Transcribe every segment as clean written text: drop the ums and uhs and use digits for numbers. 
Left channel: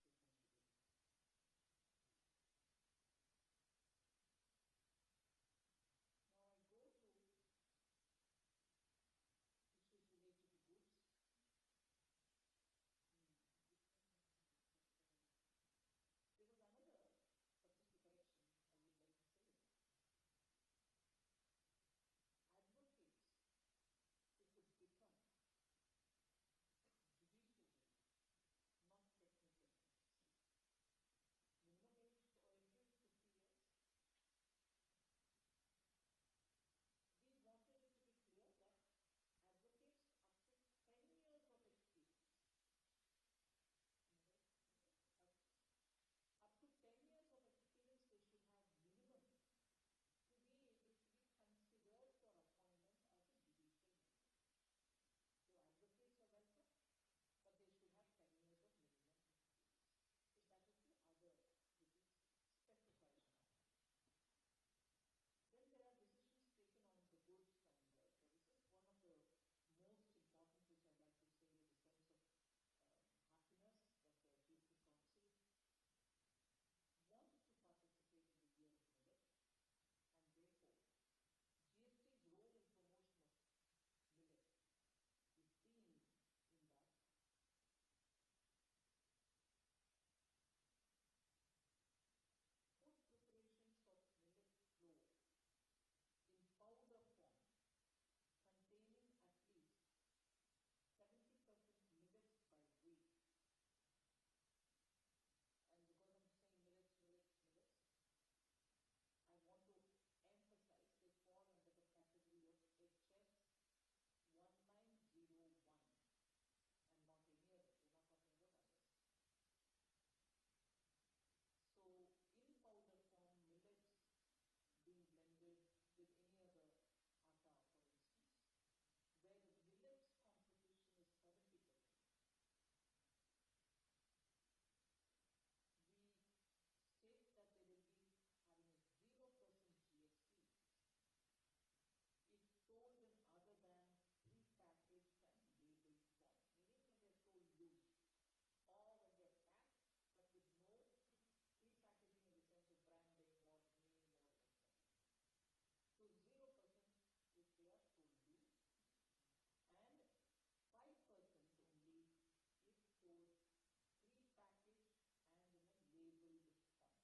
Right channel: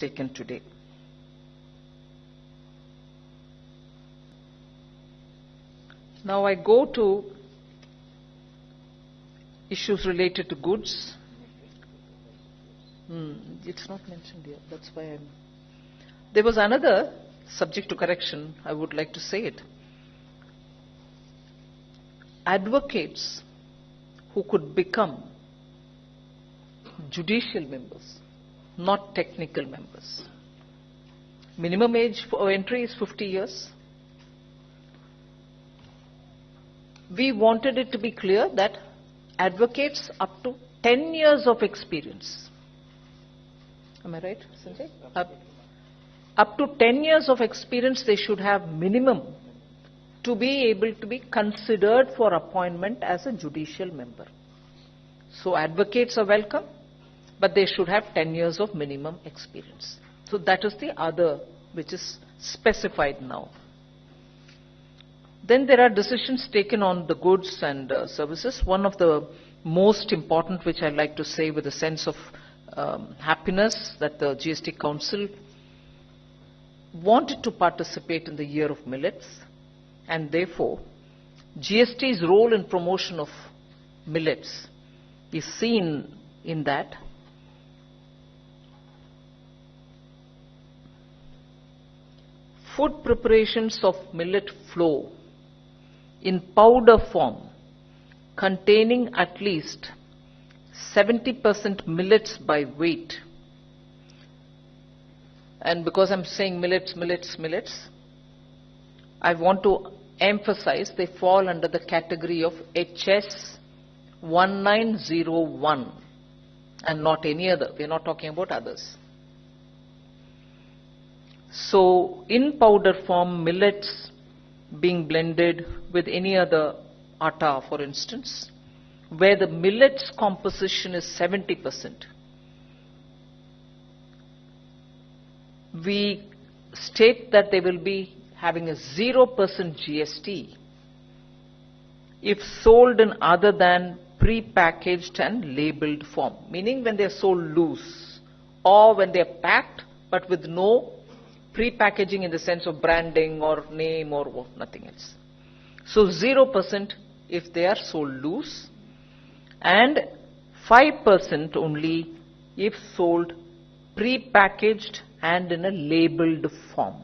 taken today. Now I go to issues related to goods. It's not mentioned here, that's why I'm... There was another subject to correction, I would like to say it. Advocates who could become judicial members, not technical members. Minimum age for entry is 50 years. We wanted it to be clear that advocates up to 10 years of experience. Am I right, Sanjay? Up to 10 years of experience they should have minimum to be able to be considered for appointment as a judicial member. So advocates are welcome, but they should have 10 years of minimum experience. So that is the other which is specified now. Then there are decisions taken on the goods and services. One of the most important, which I like to say with a sense of happiness, that the GST Council wanted to participate in the year of millets, and therefore GST's role in promotion of millets is seen in that. Food preparations of millet flour in powder form containing at least 70% millets by weight. And because I'm saying millets, I want to emphasize they fall under the category of HS 1901 and not any other. We're not talking about others. So in powder form, millets being blended with any other atta, for instance, where the millet's composition is 70%. We state that they will be having a 0% GST if sold in other than pre-packaged and labeled form, meaning when they are sold loose or when they are packed but with no pre-packaging in the sense of branding or name or nothing else. So 0% if they are sold loose, and 5% only if sold pre-packaged and in a labeled form.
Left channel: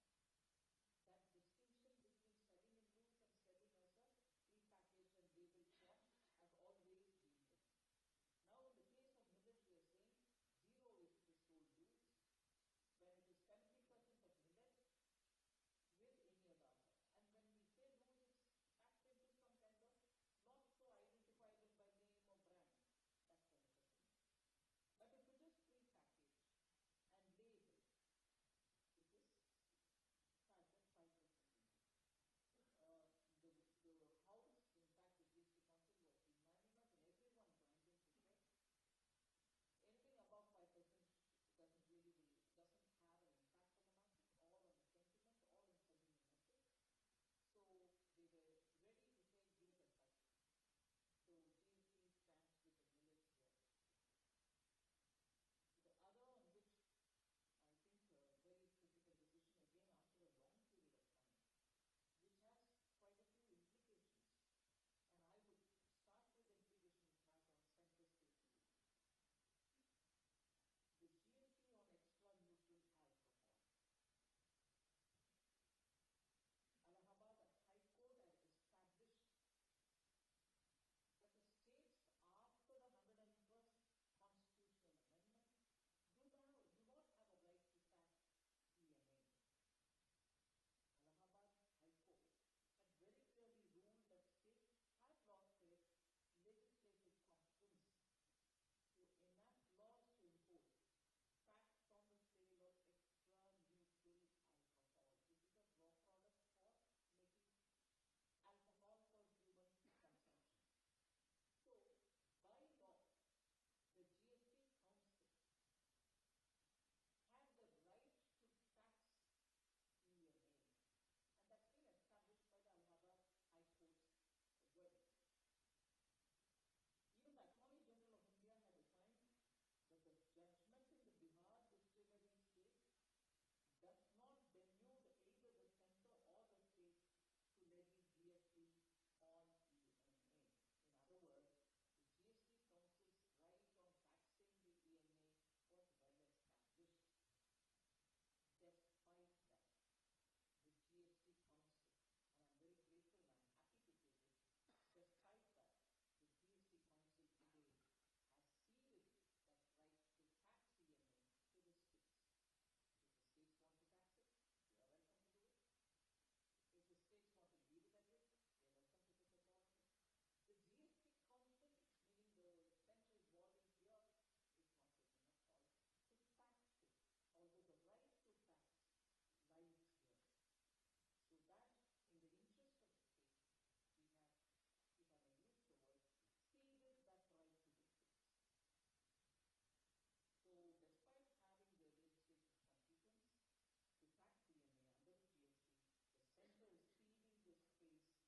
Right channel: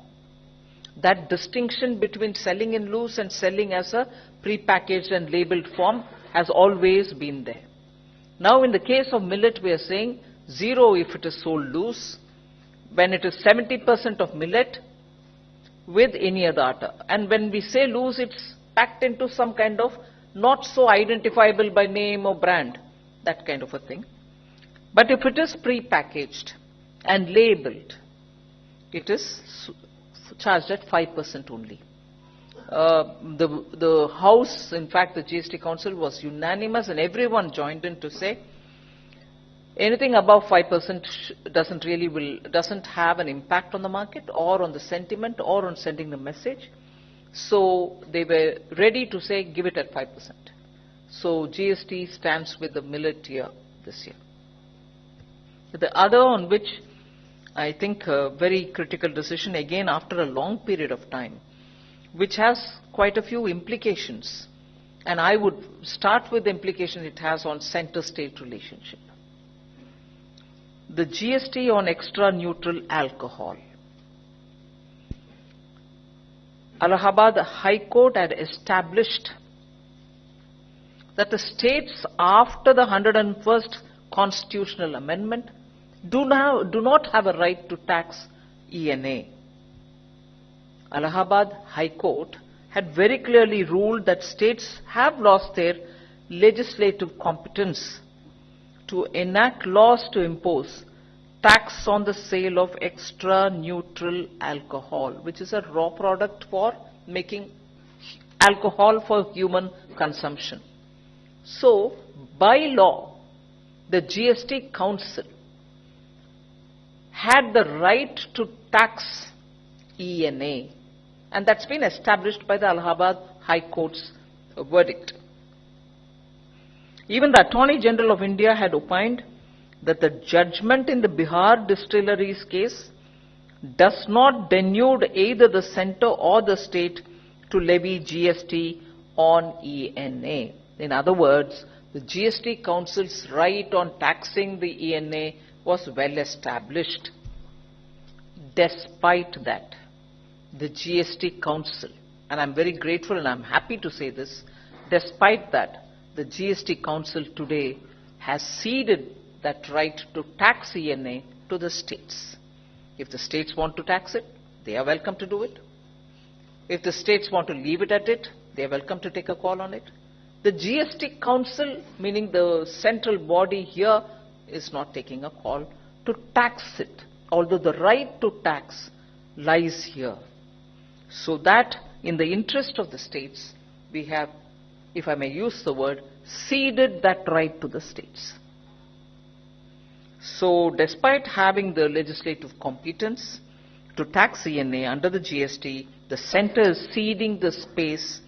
That distinction between selling in loose and selling as a pre-packaged and labeled form has always been there. Now in the case of millet we are saying 0 if it is sold loose, when it is 70% of millet with any other atta. And when we say loose, it's packed into some kind of not so identifiable by name or brand, that kind of a thing. But if it is pre-packaged and labeled, it is charged at 5% only. The House, in fact the GST Council was unanimous and everyone joined in to say anything above 5% doesn't have an impact on the market or on the sentiment or on sending the message. So they were ready to say give it at 5%. So GST stands with the millet year this year. The other on which I think a very critical decision, again after a long period of time, which has quite a few implications, and I would start with the implication it has on center-state relationship. The GST on extra neutral alcohol. Allahabad High Court had established that the states after the 101st constitutional amendment do not have a right to tax ENA. Allahabad High Court had very clearly ruled that states have lost their legislative competence to enact laws to impose tax on the sale of extra neutral alcohol, which is a raw product for making alcohol for human consumption. So, by law, the GST Council had the right to tax ENA, and that's been established by the Allahabad High Court's verdict. Even the Attorney General of India had opined that the judgment in the Bihar distilleries case does not denude either the center or the state to levy GST on ENA. In other words, the GST Council's right on taxing the ENA was well established. Despite that, the GST Council, and I'm very grateful and I'm happy to say this, despite that, the GST Council today has ceded that right to tax ENA to the states. If the states want to tax it, they are welcome to do it. If the states want to leave it at it, they are welcome to take a call on it. The GST Council, meaning the central body here, is not taking a call to tax it, although the right to tax lies here. So that in the interest of the states, we have, if I may use the word, ceded that right to the states. So despite having the legislative competence to tax ENA under the GST, the center is ceding the space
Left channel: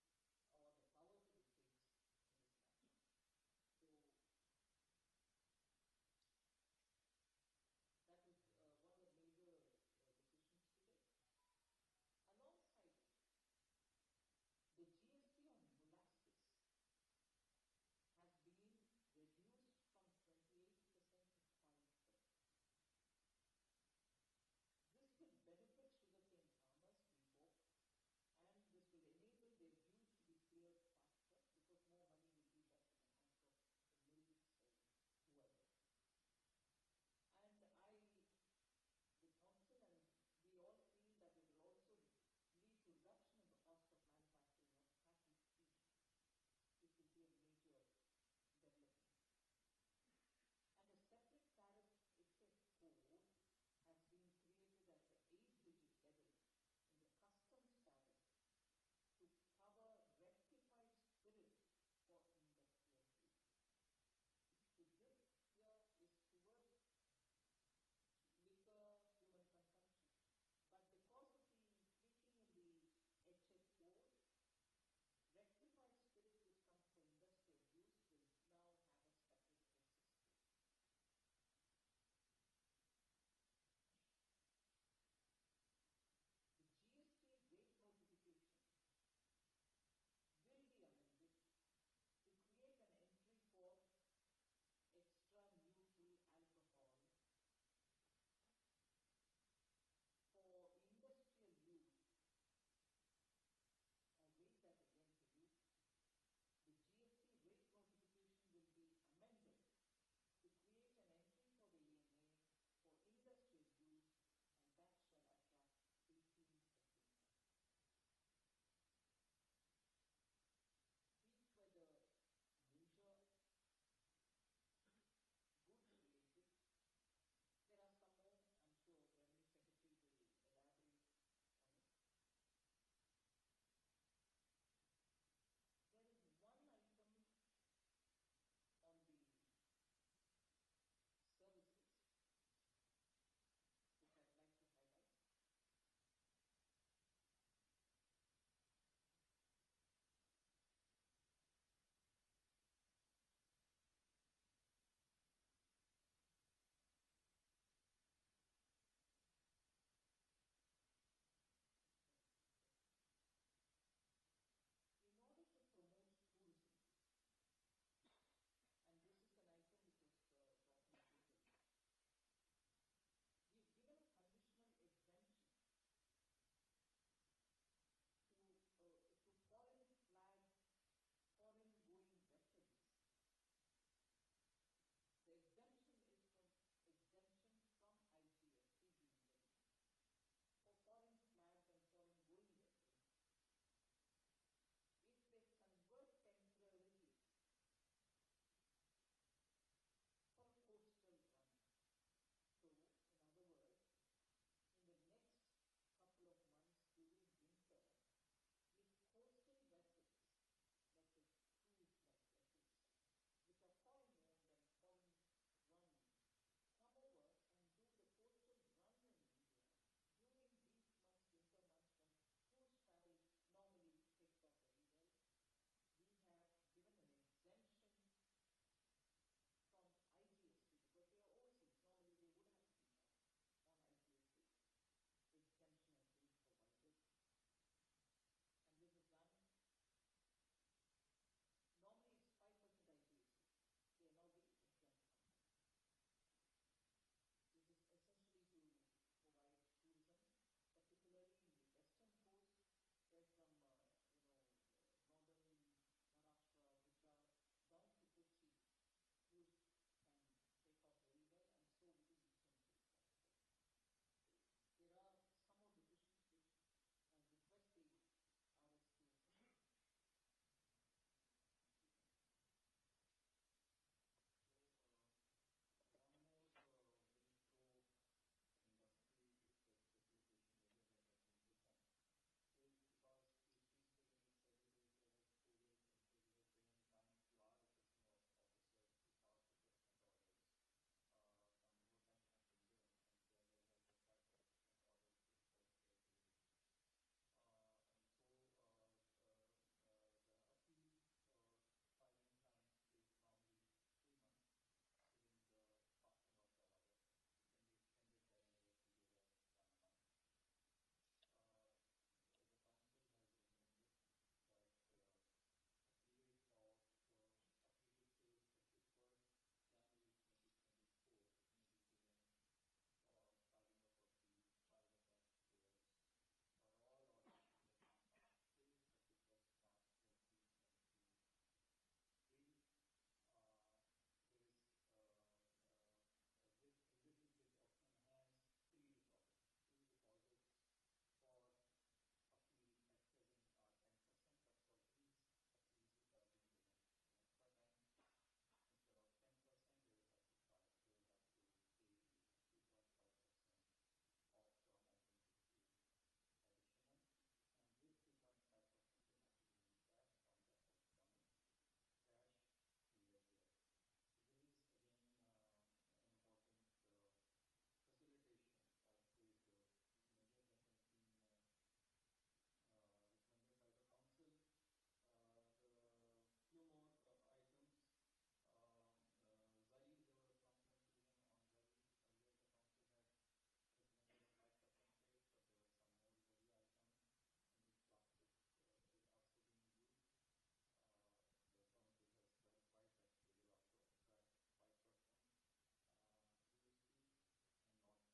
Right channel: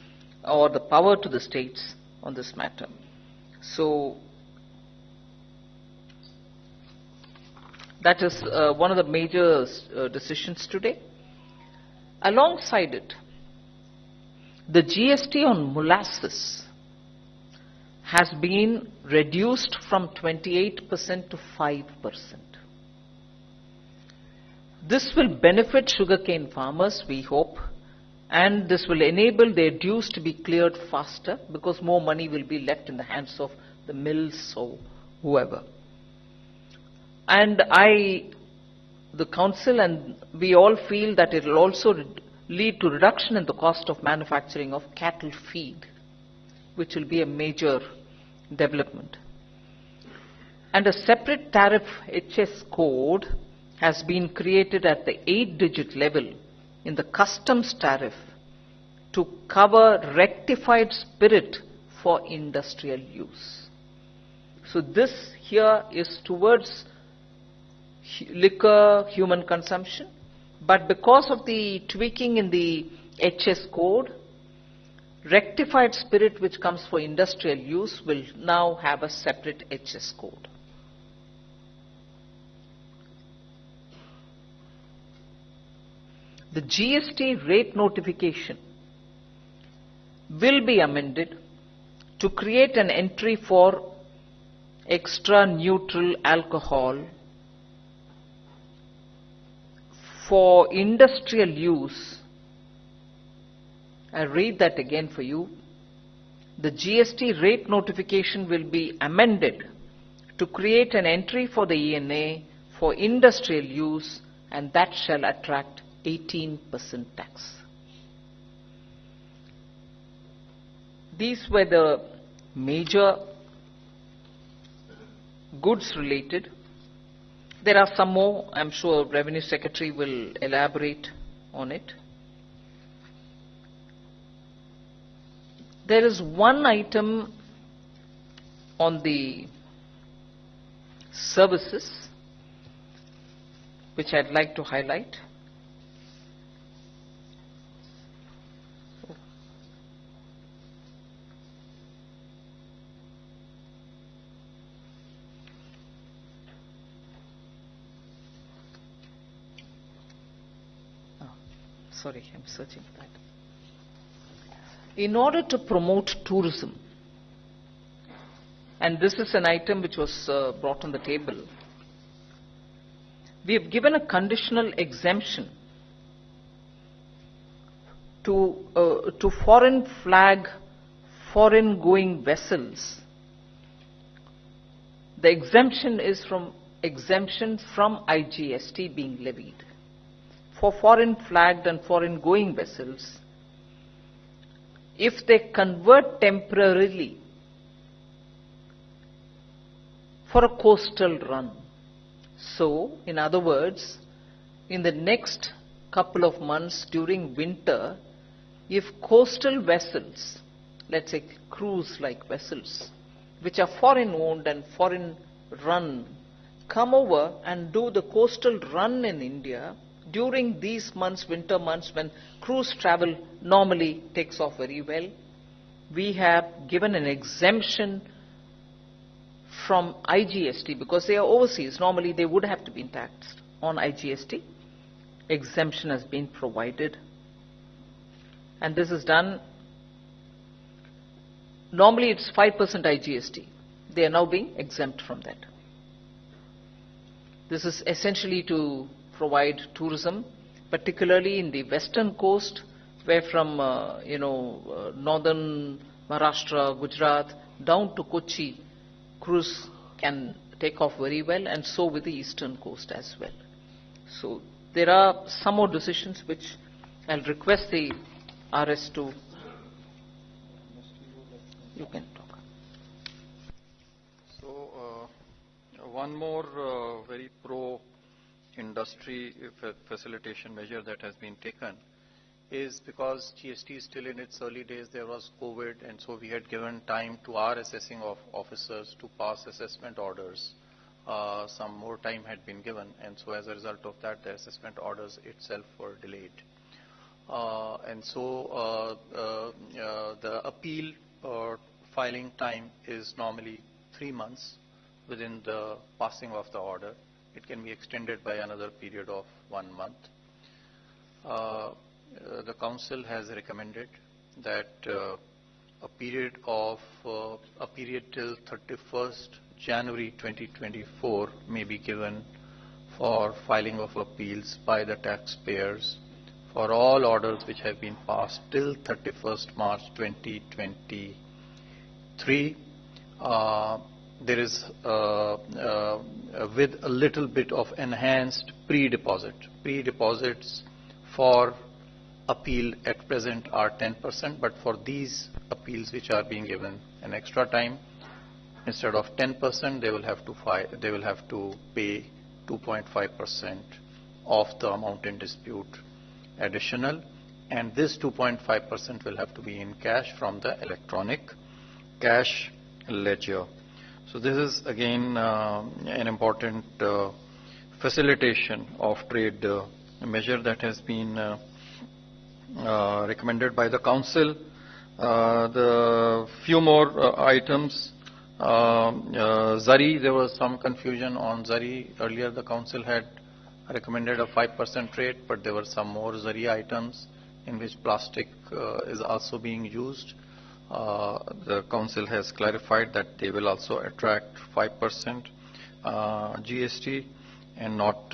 or the power to the states on this matter. So that is one of the major decisions today. Alongside it, the GST on molasses has been reduced from 28% to 5%. This will benefit sugarcane farmers, we hope, and this will enable their dues to be cleared faster because more money will be left in the hands of the mills or whoever. And the council and we all feel that it will also lead to reduction in the cost of manufacturing of cattle feed, which will be a major development. And a separate tariff HS code has been created at the 8-digit level in the customs tariff to cover rectified spirit for industrial use. So this here is towards liquor, human consumption, but because of the tweaking in the HS code, rectified spirit which comes for industrial use will now have a separate HS code. The GST rate notification will be amended to create an entry for extra neutral alcohol for industrial use. I read that again for you. The GST rate notification will be amended to create an entry for the ENA for industrial use, and that shall attract 18% tax. These were the major goods related. There are some more, I'm sure Revenue Secretary will elaborate on it. There is one item on the services which I'd like to highlight. Sorry, I'm searching for that. In order to promote tourism, and this is an item which was brought on the table, we have given a conditional exemption to foreign flag, foreign going vessels. The exemption is from IGST being levied. For foreign flagged and foreign going vessels, if they convert temporarily for a coastal run. So, in other words, in the next couple of months during winter, if coastal vessels, let's say cruise-like vessels, which are foreign owned and foreign run, come over and do the coastal run in India, during these months, winter months, when cruise travel normally takes off very well, we have given an exemption from IGST because they are overseas. Normally they would have to be taxed on IGST. Exemption has been provided. And this is done, normally it's 5% IGST. They are now being exempt from that. This is essentially to provide tourism, particularly in the western coast, where from northern Maharashtra, Gujarat, down to Kochi, cruise can take off very well, and so with the eastern coast as well. So there are some more decisions which I'll request the RS to, you can talk. So one more very pro-industry facilitation measure that has been taken is because GST is still in its early days, there was COVID, and so we had given time to our assessing of officers to pass assessment orders. Some more time had been given, and so as a result of that, the assessment orders itself were delayed. And so the appeal filing time is normally 3 months within the passing of the order. It can be extended by another period of 1 month. The Council has recommended that a period till 31st January 2024 may be given for filing of appeals by the taxpayers for all orders which have been passed till 31st March 2023. There is with a little bit of enhanced pre-deposit. Pre-deposits for appeal at present are 10%, but for these appeals which are being given an extra time, instead of 10%, they will have to pay 2.5% of the amount in dispute additional, and this 2.5% will have to be in cash from the electronic cash ledger. So this is again an important facilitation of trade measure that has been recommended by the Council. The few more items. Zari, there was some confusion on Zari. Earlier the Council had recommended a 5% rate, but there were some more Zari items in which plastic is also being used. The Council has clarified that they will also attract 5% GST and not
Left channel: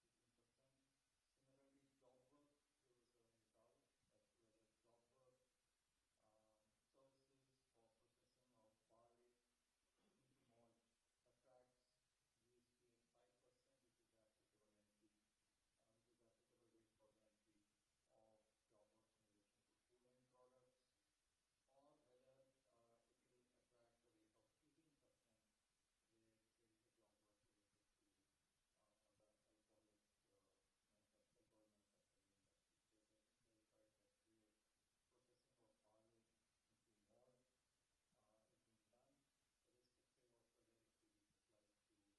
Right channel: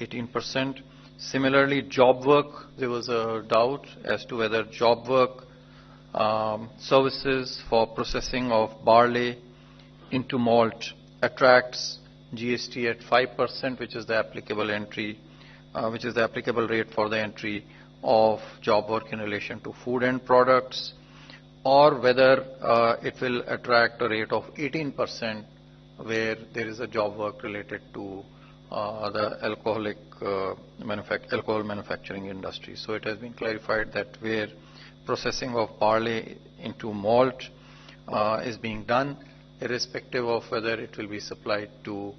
18%. Similarly, job work, there was a doubt as to whether job work services for processing of barley into malt attracts GST at 5%, which is the applicable rate for the entry of job work in relation to food and products, or whether it will attract a rate of 18% where there is a job work related to the alcohol manufacturing industry. So it has been clarified that where processing of barley into malt is being done, irrespective of whether it will be supplied to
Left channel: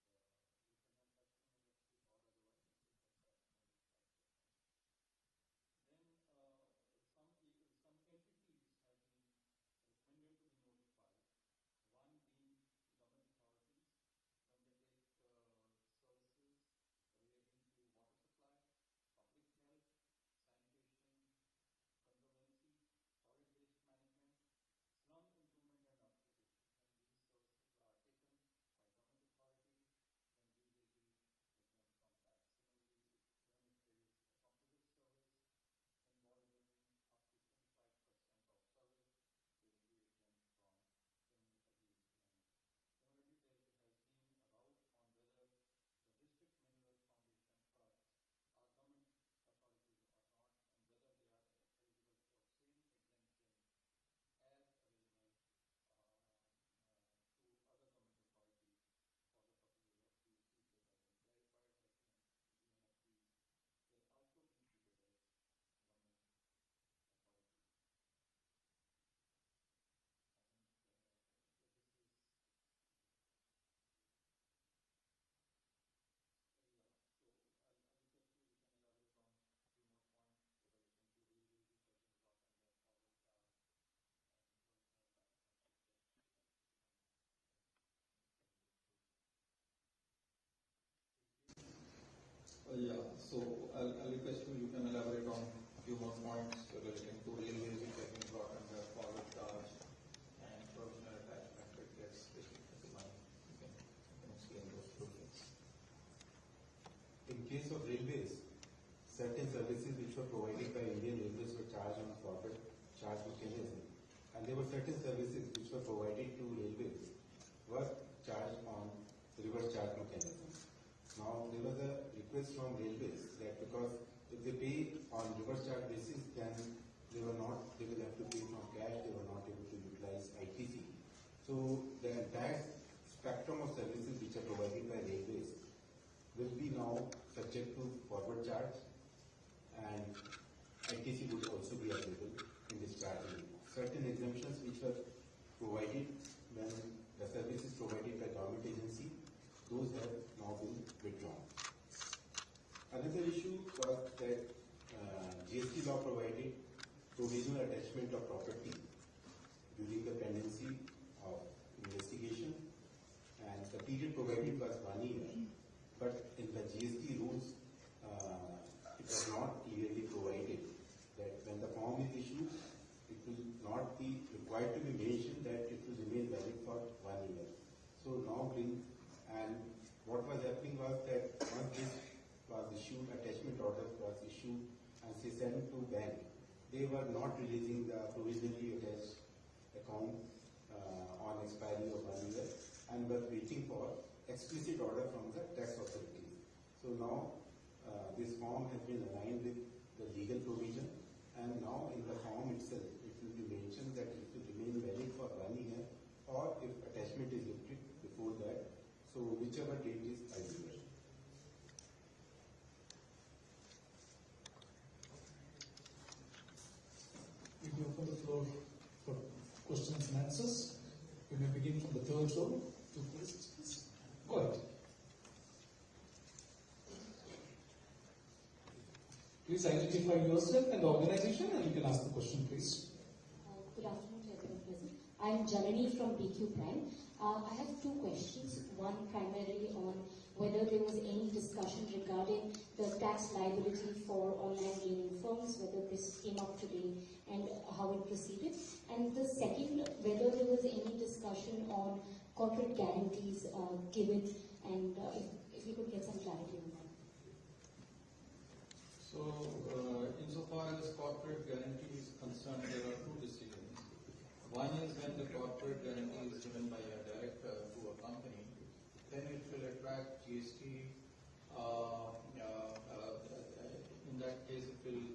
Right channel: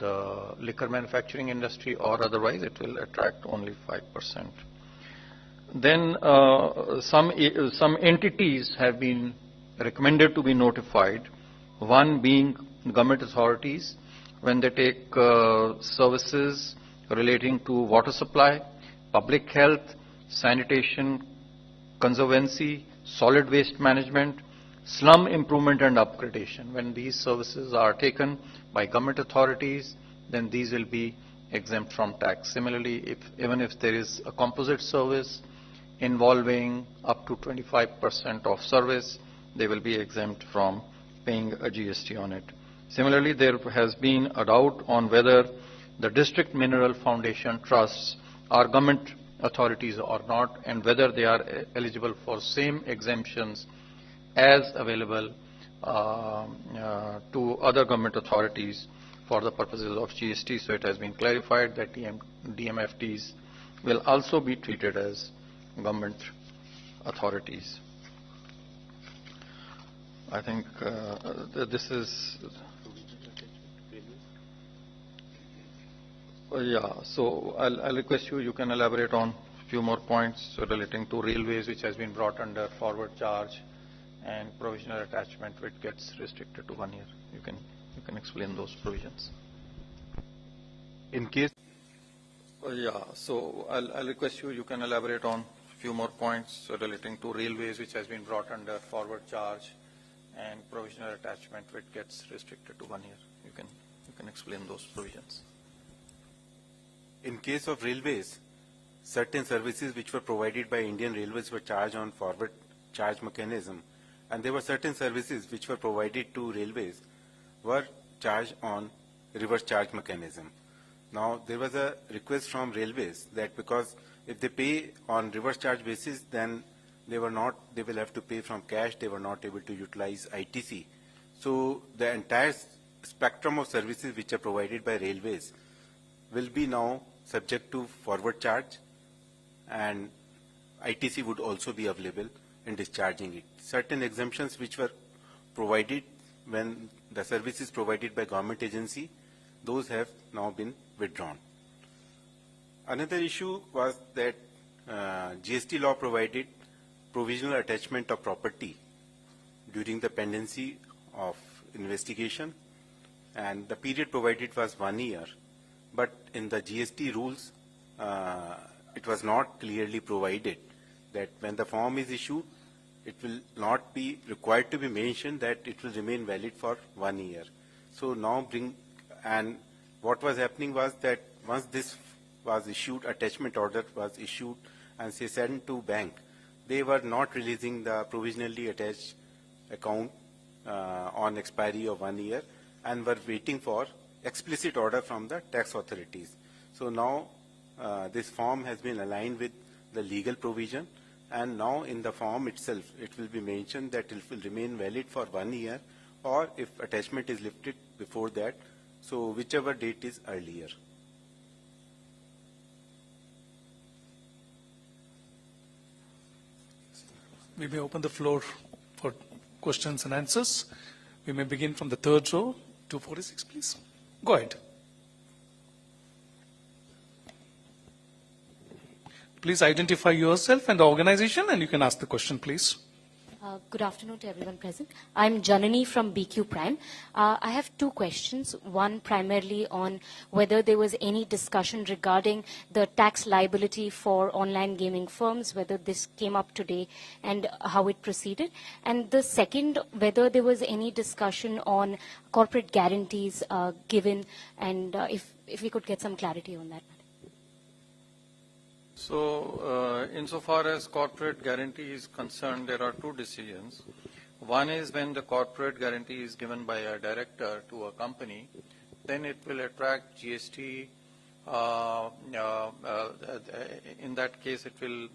the liquor manufacturing industry or otherwise, it will attract only 5%. Then some entities have been recommended to be notified, one being government authorities when they take services relating to water supply, public health, sanitation, conservancy, solid waste management, slum improvement and upgradation. When these services are taken by government authorities, then these will be exempt from tax. Similarly, even if there is a composite service involving up to 25% of service, they will be exempt from paying a GST on it. Similarly, there has been a doubt on whether the district mineral foundation trusts are government authorities or not, and whether they are eligible for same exemptions as available to other government authorities for the purposes of GST. So it has been clarified that DMFTs will also be treated as government authorities. I think this is yeah. So I'll request you can elaborate on a few more points relating to railways, which has been brought under forward charge and provisional attachment, which gets restricted to 1 year. You you can explain those provisions. In case So I'll request you can elaborate on a few more points relating to railways, which has been brought under forward charge and provisional attachment, which gets restricted to 1 year. You can explain those provisions. In case of railways, certain services which were provided by Indian Railways were charged on forward charge mechanism, and there were certain services which were provided to railways were charged on reverse charge mechanism. Now, there was a request from railways that because if they pay on reverse charge basis, then they will have to pay from cash, they were not able to utilize ITC. So the entire spectrum of services which are provided by railways will be now subject to forward charge, and ITC would also be available in discharging it. Certain exemptions which were provided when the service is provided by government agency, those have now been withdrawn. Another issue was that GST law provided provisional attachment of property during the pendency of investigation, and the period provided was 1 year. But in the GST rules, it was not clearly provided that when the form is issued, it will not be required to be mentioned that it will remain valid for 1 year. So now and what was happening was that once this was issued, attachment order was issued and say sent to bank, they were not releasing the provisionally attached account on expiry of 1 year and were waiting for explicit order from the tax authorities. So now this form has been aligned with the legal provision, and now in the form itself it will be mentioned that it will remain valid for 1 year, or if attachment is lifted before that, so whichever date is earlier. We may open the floor for questions and answers. We may begin from the third row, 246, please. Go ahead. Please identify yourself and the organization, and you can ask the question, please. Good afternoon to everyone present. I'm Janani from BQ Prime. I have two questions. One primarily on whether there was any discussion regarding the tax liability for online gaming firms, whether this came up today and how it proceeded. And the second, whether there was any discussion on corporate guarantees given, and if we could get some clarity on that. So, insofar as corporate guarantee is concerned, there are two decisions. One is when the corporate guarantee is given by a director to a company, then it will attract GST. In that case,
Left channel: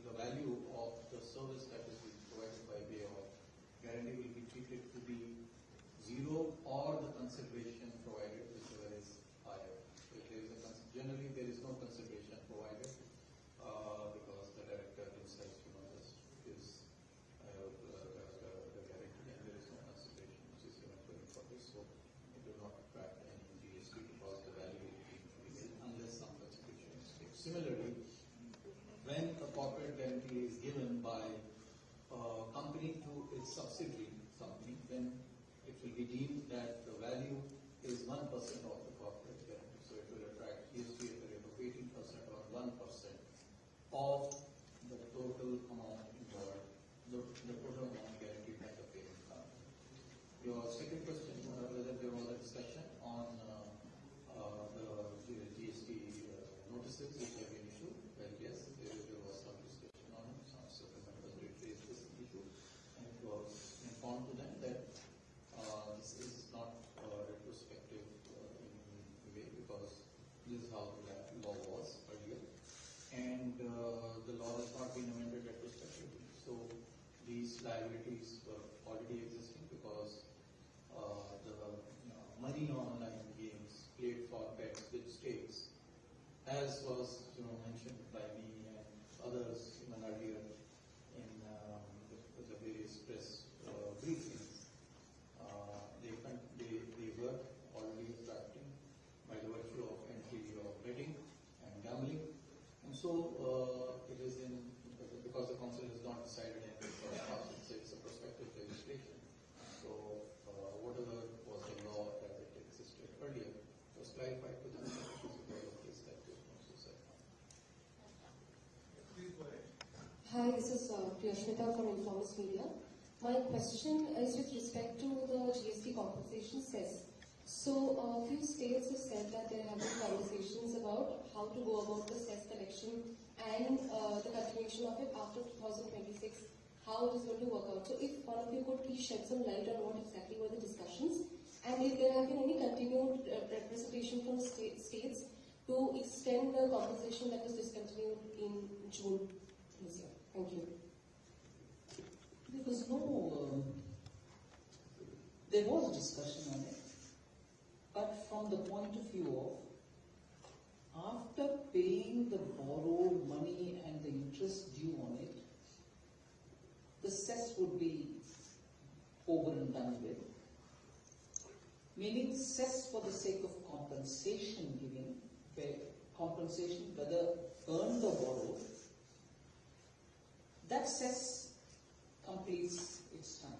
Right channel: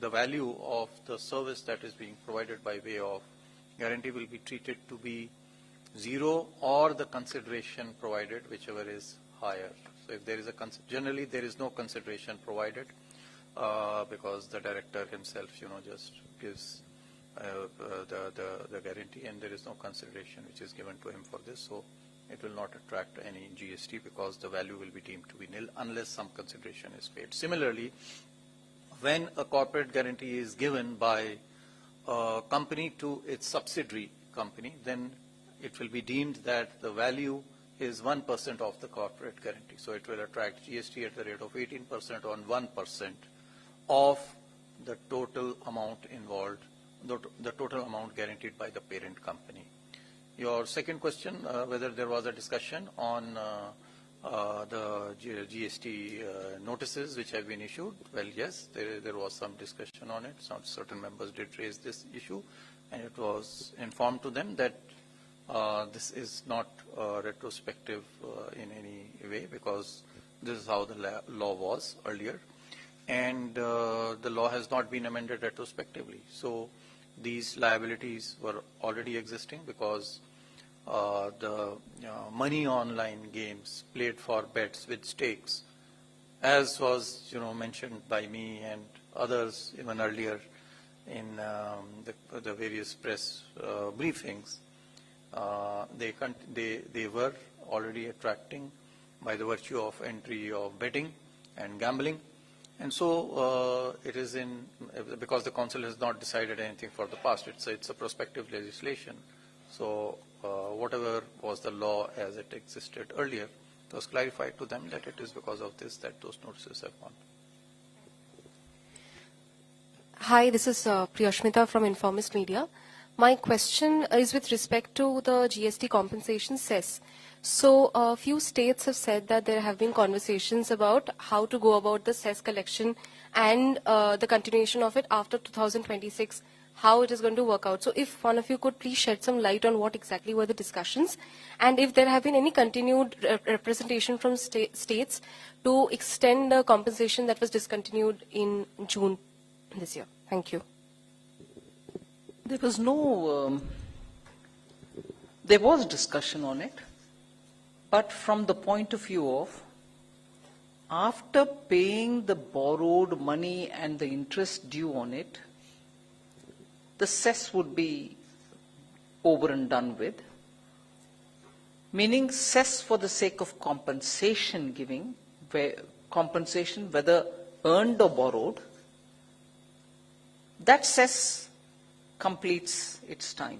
the value of the service that is being provided by way of guarantee will be treated to be zero, or the consideration provided, whichever is higher. So, if there is generally there is no consideration provided. Because the director himself, just gives the guarantee, and there is no consideration which is given to him for this. So it will not attract any GST because the value will be deemed to be nil unless some consideration is paid. Similarly, when a corporate guarantee is given by a company to its subsidiary company, then it will be deemed that the value is 1% of the corporate guarantee. So it will attract GST at the rate of 18% on 1% of the total amount involved, the total amount guaranteed by the parent company. Your second question, whether there was a discussion on the GST notices which have been issued. Well, yes, there was some discussion on it. Some certain members did raise this issue, and it was informed to them that this is not retrospective in any way, because this is how the law was earlier. And the law has not been amended retrospectively. So these liabilities were already existing because the money online games played for bets with stakes, as was mentioned by me and others even earlier in the various press briefings, they were already attracting by the virtue of entry of betting and gambling. And so it is because the council has not decided anything for the past, it's a prospective legislation. So whatever was the law as it existed earlier, it was clarified to them that it is because of this that those notices have gone. Hi, this is Priyashmita from Informist Media. My question is with respect to the GST compensation cess. So a few states have said that there have been conversations about how to go about the cess collection and the continuation of it after 2026, how it is going to work out. So if one of you could please shed some light on what exactly were the discussions, and if there have been any continued representation from states to extend the compensation that was discontinued in June this year. Thank you. There was no, there was discussion on it, but from the point of view of after paying the borrowed money and the interest due on it, the cess would be over and done with, meaning cess for the sake of compensation giving, compensation whether earned or borrowed, that cess completes its time.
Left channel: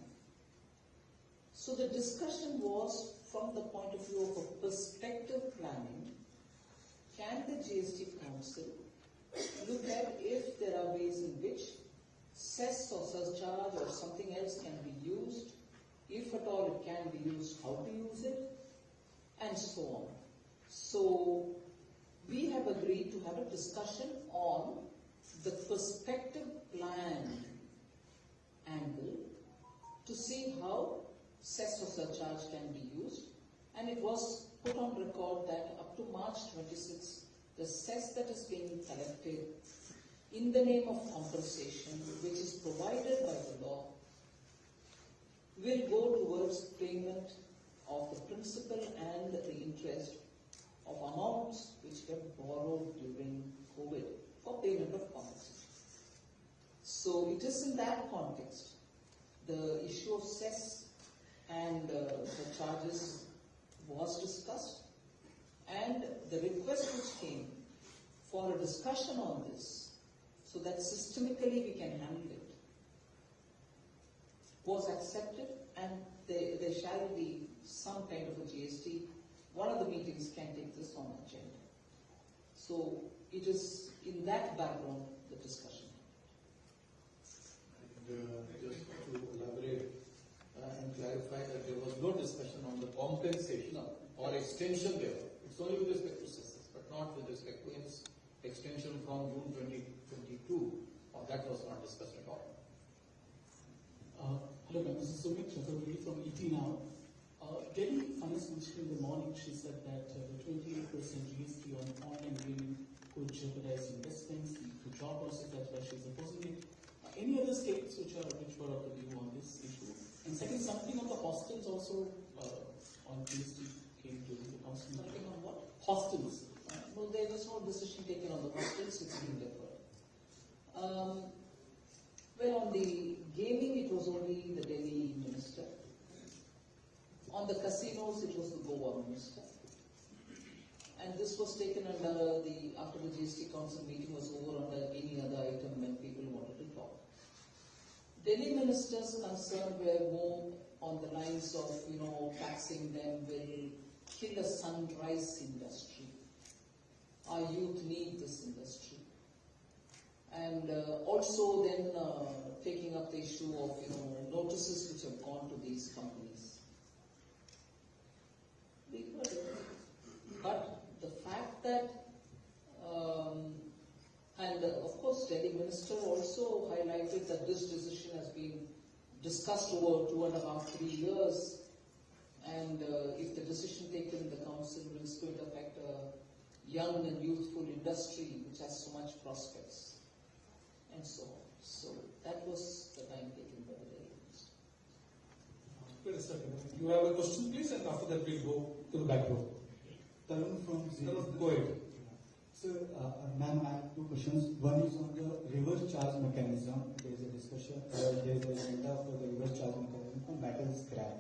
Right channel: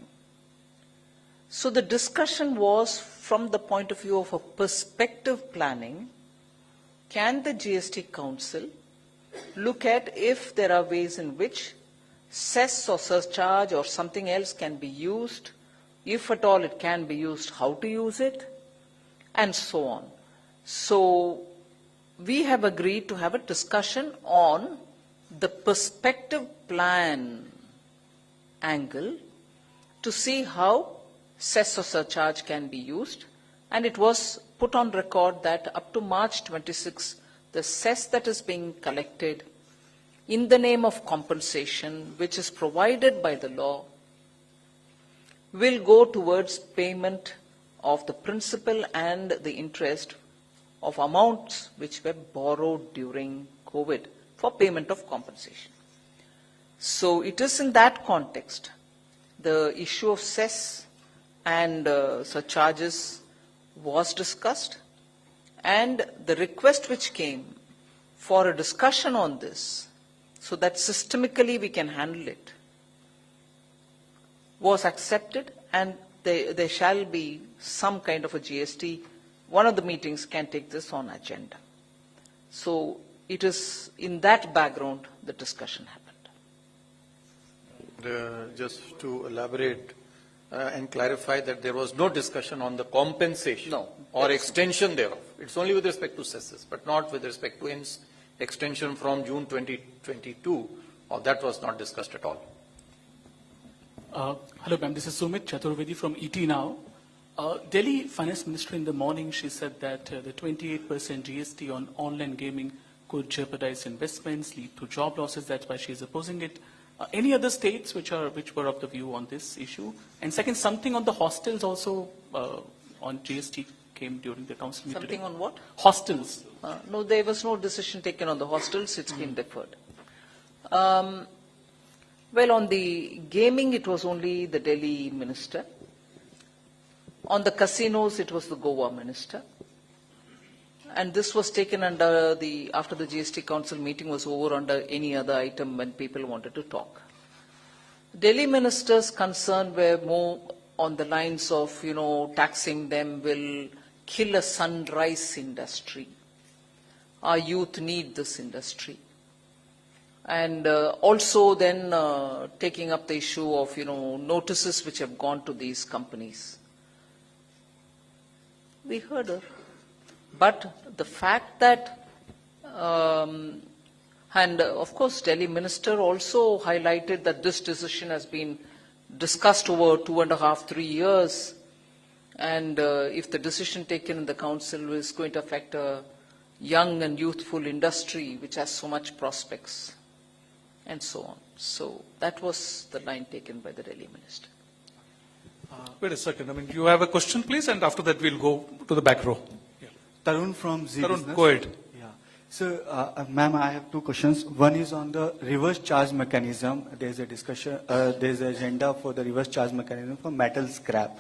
So the discussion was from the point of view of a perspective planning. Can the GST Council look at if there are ways in which cess or surcharge or something else can be used, if at all it can be used, how to use it, and so on. So we have agreed to have a discussion on the perspective plan angle to see how cess or surcharge can be used, and it was put on record that up to March 26, the cess that is being collected in the name of compensation, which is provided by the law, will go towards payment of the principal and the interest of amounts which were borrowed during COVID for payment of compensation. So it is in that context, the issue of cess and surcharges was discussed, and the request which came for a discussion on this so that systemically we can handle it was accepted, and there shall be some kind of a GST. One of the meetings can take this on agenda. So it is in that background the discussion happened. Just to elaborate and clarify that there was no discussion on the compensation or extension thereof. It's only with respect to cesses, but not with respect to extension from June 2022, or that was not discussed at all. Hello, ma'am. This is Sumit Chaturvedi from ET Now. Delhi Finance Minister in the morning, she said that the 28% GST on online gaming could jeopardize investments, lead to job losses. That's why she's opposing it. Any other states which were of the view on this issue? And second, something on the hostels also on GST came during the council meeting. Something on what? Hostels. No, there was no decision taken on the hostels. It's been deferred. Well, on the gaming, it was only the Delhi minister. On the casinos, it was the Goa minister. And this was taken under after the GST Council meeting was over, under any other item when people wanted to talk. Delhi minister's concern were more on the lines of, taxing them will kill a sunrise industry. Our youth need this industry. And also then taking up the issue of, notices which have gone to these companies. We heard her. But the fact that, and of course Delhi minister also highlighted that this decision has been discussed over 2.5, 3 years, and if the decision taken in the council is going to affect a young and youthful industry which has so much prospects, and so on. So that was the line taken by the Delhi minister. Wait a second. You have a question, please, and after that we'll go to the back row. Tarun from Z Tarun, Business. go ahead. Yeah. So, ma'am, I have two questions. One is on the reverse charge mechanism. There's a discussion, there's an agenda for the reverse charge mechanism for metal scrap.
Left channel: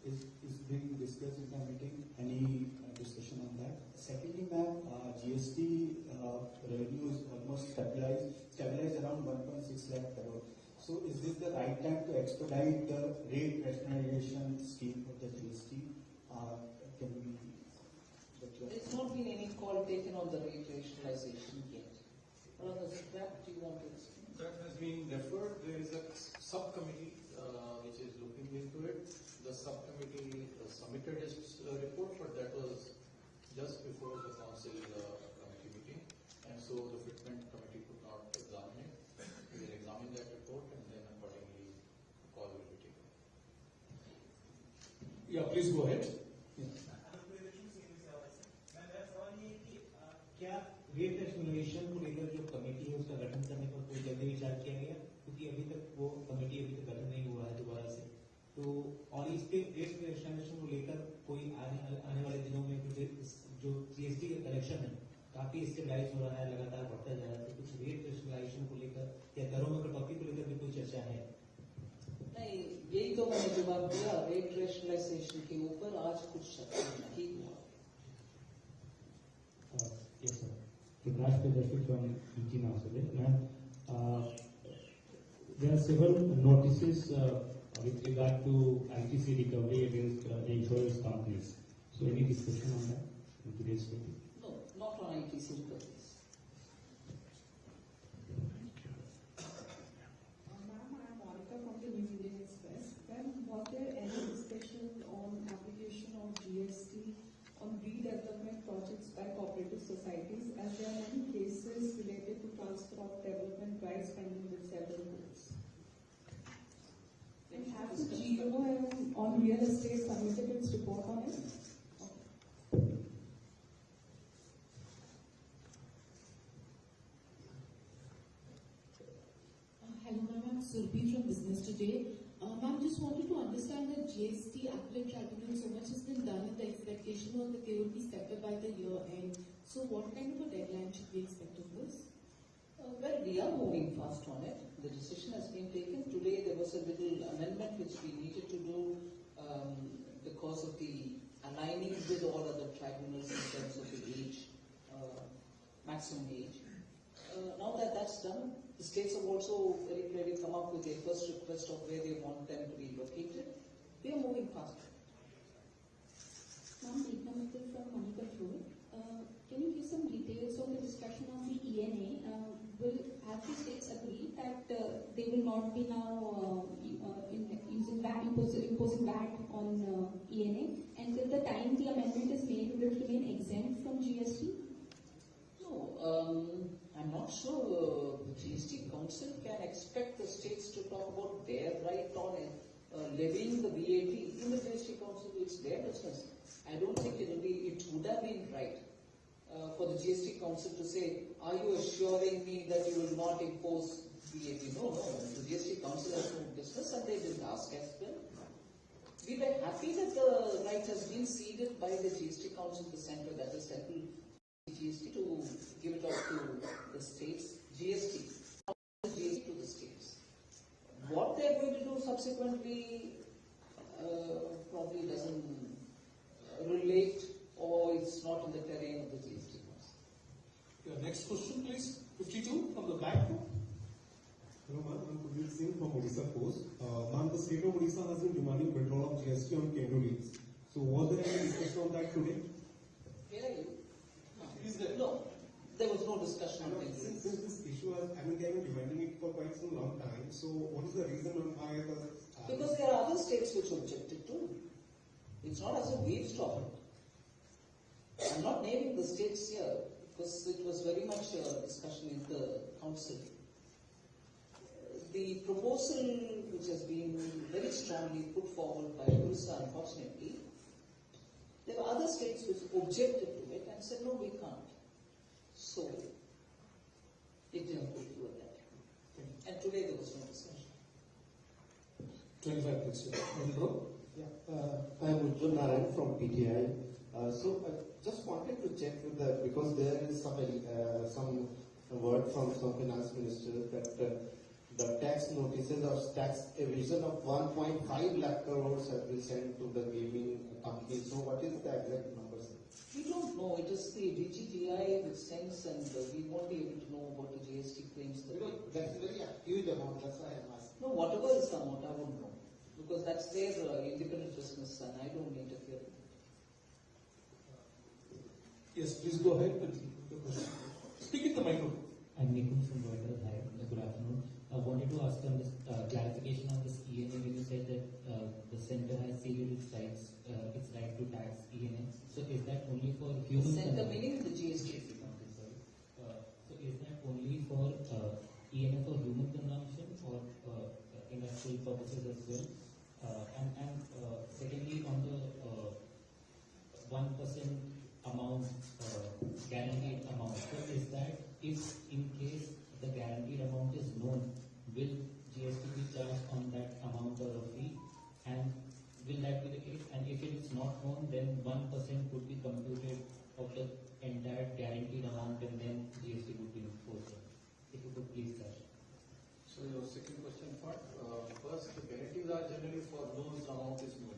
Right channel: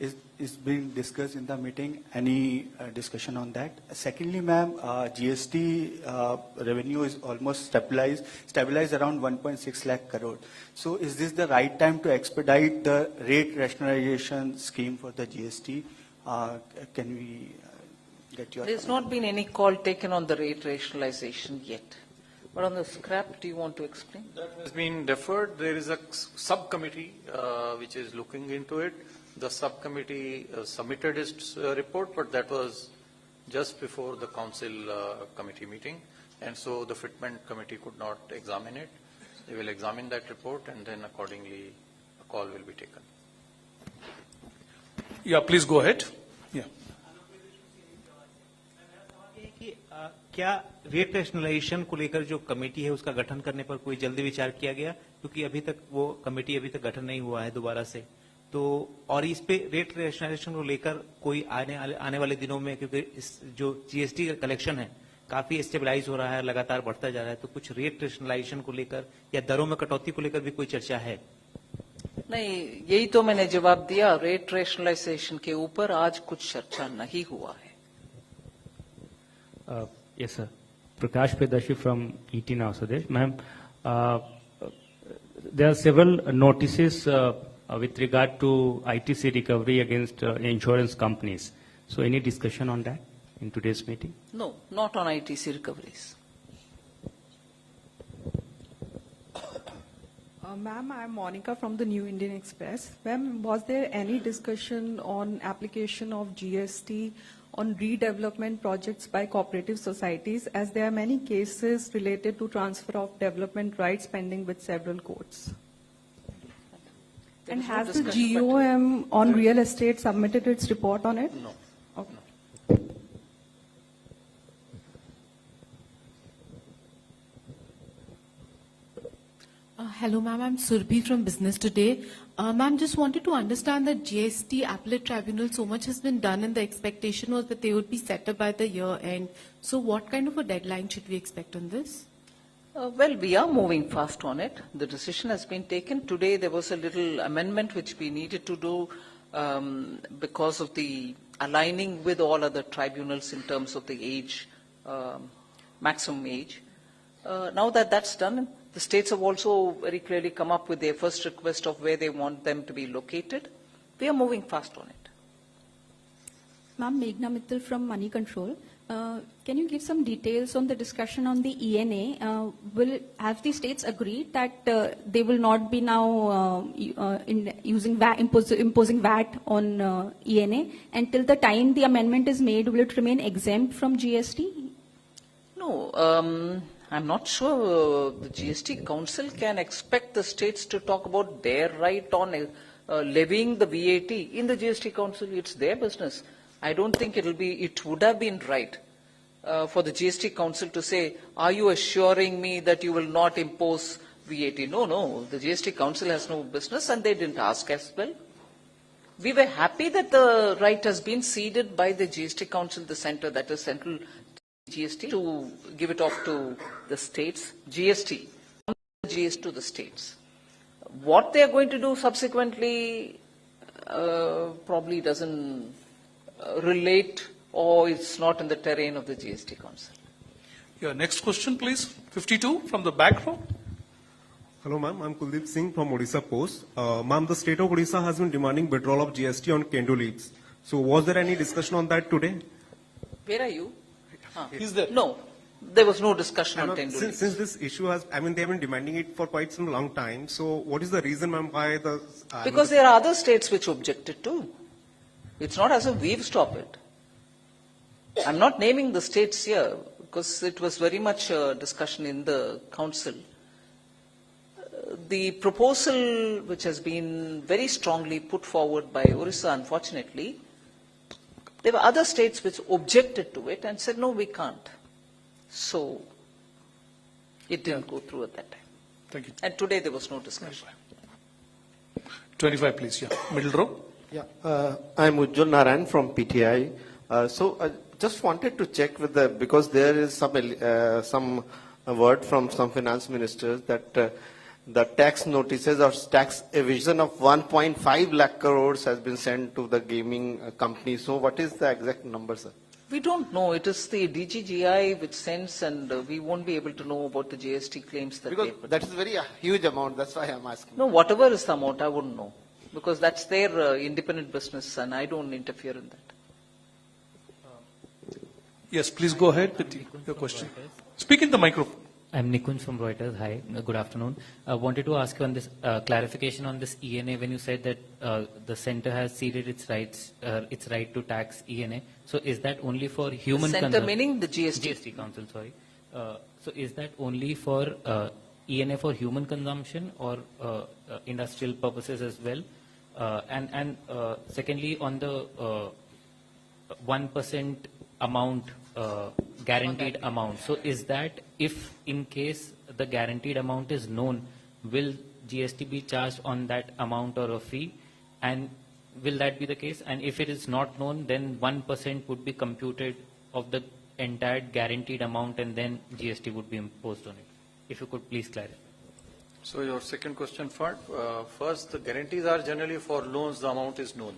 is being discussed in the meeting? Any discussion on that? Secondly, ma'am, GST revenue is almost stabilized around 1.6 lakh crore. So is this the right time to expedite the rate rationalization scheme for the GST? Can we get your... There's not been any call taken on the rate rationalization yet. But on the scrap, do you want to explain? That has been deferred. There is a subcommittee which is looking into it. The subcommittee submitted its report, but that was just before the council committee meeting, and so the fitment committee could not examine it. They will examine that report, and then accordingly a call will be taken. Yeah, please go ahead. Yeah. क्या rate rationalisation को लेकर जो committee है उसका गठन करने पर कोई जल्दी विचार किया गया, क्योंकि अभी तक वो कमेटी अभी तक गठन नहीं हुआ है दोबारा से, तो और इस पे रेट रैशनलाइजेशन को लेकर कोई आने वाले दिनों में, क्योंकि इस जो जीएसटी का कलेक्शन है काफी स्टेबलाइज हो रहा है, लगातार बढ़ता जा रहा है, तो कुछ रेट रैशनलाइजेशन को लेकर या दरों में कटौती को लेकर भी कोई चर्चा है? नहीं, यही तो मैंने जवाब दिया। रेट रेशनलाइजेशन के ऊपर आज कुछ चर्चा नहीं हुआ है। Yes, sir. Prakash Pedashi from ET Now, Swadesh. Ma'am, there are several notices with regard to ITC recovery against insurance companies. So any discussion on that in today's meeting? No, not on ITC recoveries. Ma'am, I'm Monica from the New Indian Express. Ma'am, was there any discussion on application of GST on redevelopment projects by cooperative societies, as there are many cases related to transfer of development rights pending with several courts? And has the GOM on real estate submitted its report on it? No. Okay. Hello, ma'am. I'm Surbhi from Business Today. Ma'am, just wanted to understand that GST appellate tribunal, so much has been done and the expectation was that they would be set up by the year end. So what kind of a deadline should we expect on this? Well, we are moving fast on it. The decision has been taken. Today there was a little amendment which we needed to do because of the aligning with all other tribunals in terms of the age, maximum age. Now that that's done, the states have also very clearly come up with their first request of where they want them to be located. We are moving fast on it. Ma'am, Meghna Mittal from Money Control. Can you give some details on the discussion on the ENA? Have the states agreed that they will not be now imposing VAT on ENA? And till the time the amendment is made, will it remain exempt from GST? No. I'm not sure the GST Council can expect the states to talk about their right on levying the VAT in the GST Council. It's their business. I don't think it would have been right for the GST Council to say, are you assuring me that you will not impose VAT? No, the GST Council has no business and they didn't ask as well. We were happy that the right has been ceded by the GST Council, the center, that is Central GST, to give it off to the states, GST to the states. What they are going to do subsequently probably doesn't relate or it's not in the terrain of the GST Council. Yeah, next question please. 52 from the back row. Hello ma'am, I'm Kuldeep Singh from Odisha Post. Ma'am, the state of Odisha has been demanding withdrawal of GST on kendo leaves. So was there any discussion on that today? Where are you? Is there? No, there was no discussion on tendo leaves. Since this issue has, they have been demanding it for quite some long time. So what is the reason, ma'am, why the... Because there are other states which objected too. It's not as if we've stopped it. I'm not naming the states here because it was very much a discussion in the council. The proposal which has been very strongly put forward by Orissa, unfortunately, there were other states which objected to it and said, no, we can't. So it didn't go through at that time. Thank you. And today there was no discussion. 25 please, yeah. Middle row. Yeah, I'm Ujjwal Narayan from PTI. So I just wanted to check with because there is some word from some finance ministers that the tax notices or tax evasion of 1.5 lakh crores has been sent to the gaming companies. So what is the exact number, sir? We don't know. It is the DGGI which sends, and we won't be able to know about the GST claims that Because they put. that is very huge amount. That's why I'm asking. No, whatever is the amount, I wouldn't know. Because that's their independent business, and I don't interfere in that. Yes, please go ahead with your question. Speak in the microphone. I'm Nikunj from Reuters. Hi, good afternoon. I wanted to ask you on this clarification on this ENA when you said that the center has ceded its right to tax ENA. So is that only for human The center meaning the GST? GST Council, sorry. So is that only for ENA for human consumption or industrial purposes as well? And secondly, on the 1% amount, guaranteed amount. So is that if in case the guaranteed amount is known, will GST be charged on that amount or a fee? And will that be the case? And if it is not known, then 1% would be computed of the entire guaranteed amount and then GST would be imposed on it. If you could please clarify. So your second question first, the guarantees are generally for loans, the amount is known.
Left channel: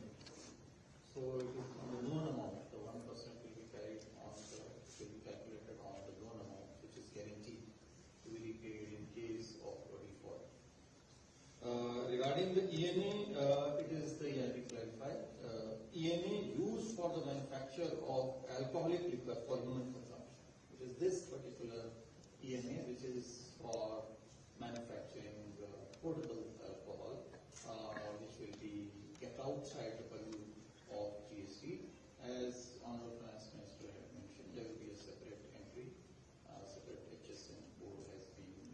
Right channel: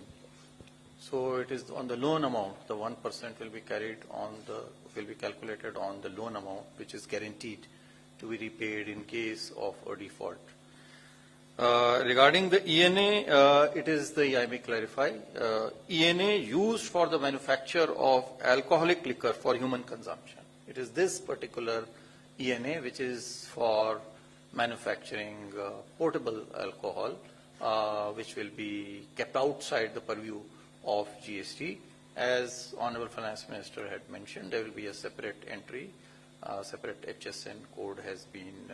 So it is on the loan amount, the 1% will be calculated on the loan amount, which is guaranteed to be repaid in case of a default. Regarding the ENA, it is I may clarify, ENA used for the manufacture of alcoholic liquor for human consumption. It is this particular ENA which is for manufacturing portable alcohol, which will be kept outside the purview of GST. As Honorable Finance Minister had mentioned, there will be a separate entry, separate HSN code has been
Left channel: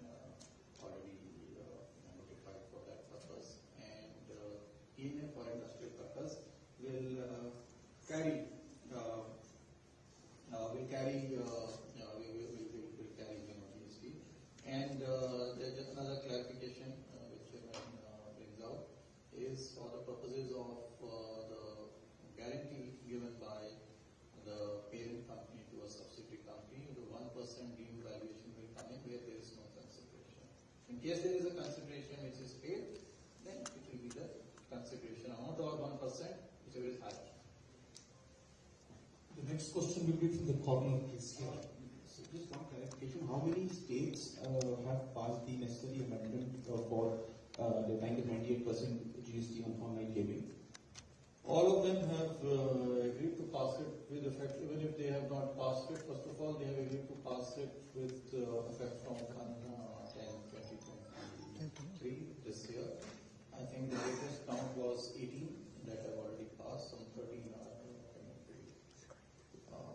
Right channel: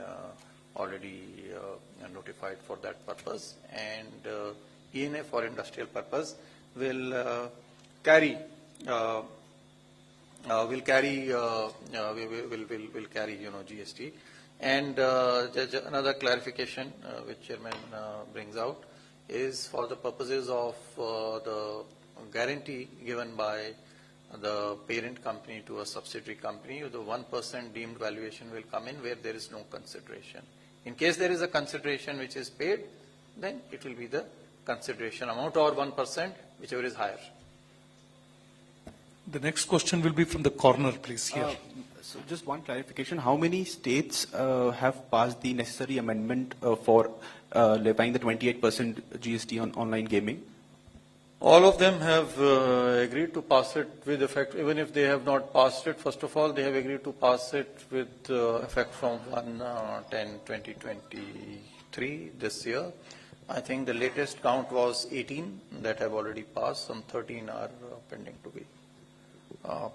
already notified for that purpose, and ENA for industrial purpose will carry GST. And another clarification which Chairman brings out is for the purposes of the guarantee given by the parent company to a subsidiary company, the 1% deemed valuation will come in where there is no consideration. In case there is a consideration which is paid, then it will be the consideration amount or 1%, whichever is higher. The next question will be from the corner, please, here. So just one clarification. How many states have passed the necessary amendment for levying the 28% GST on online gaming? All of them have agreed to pass it with effect. Even if they have not passed it, first of all, they have agreed to pass it with effect from 1/10/2023 this year. I think the latest count was 18 that have already passed. Some 13 are pending to be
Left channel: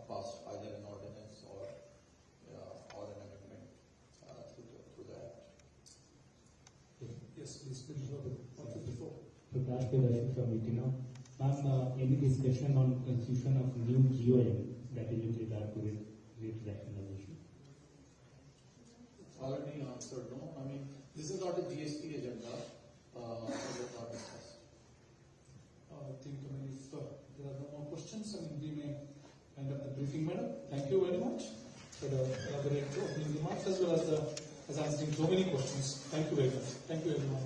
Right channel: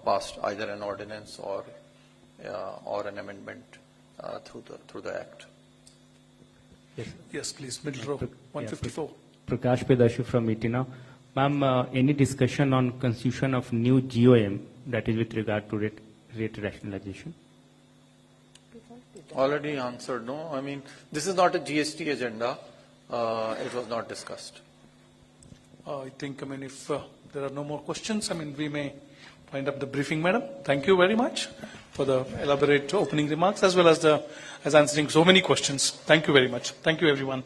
passed, either an ordinance or an amendment through the Act. Yes, please, middle row, 154. Prakash Pedashu from Itina. Ma'am, any discussion on constitution of new GOM, that is with regard to rate rationalization? Already answered, no. I mean, this is not a GST agenda. It was not discussed. I think, if there are no more questions, we may wind up the briefing, madam. Thank you very much for the elaborate opening remarks as well as answering so many questions. Thank you very much. Thank you, everyone.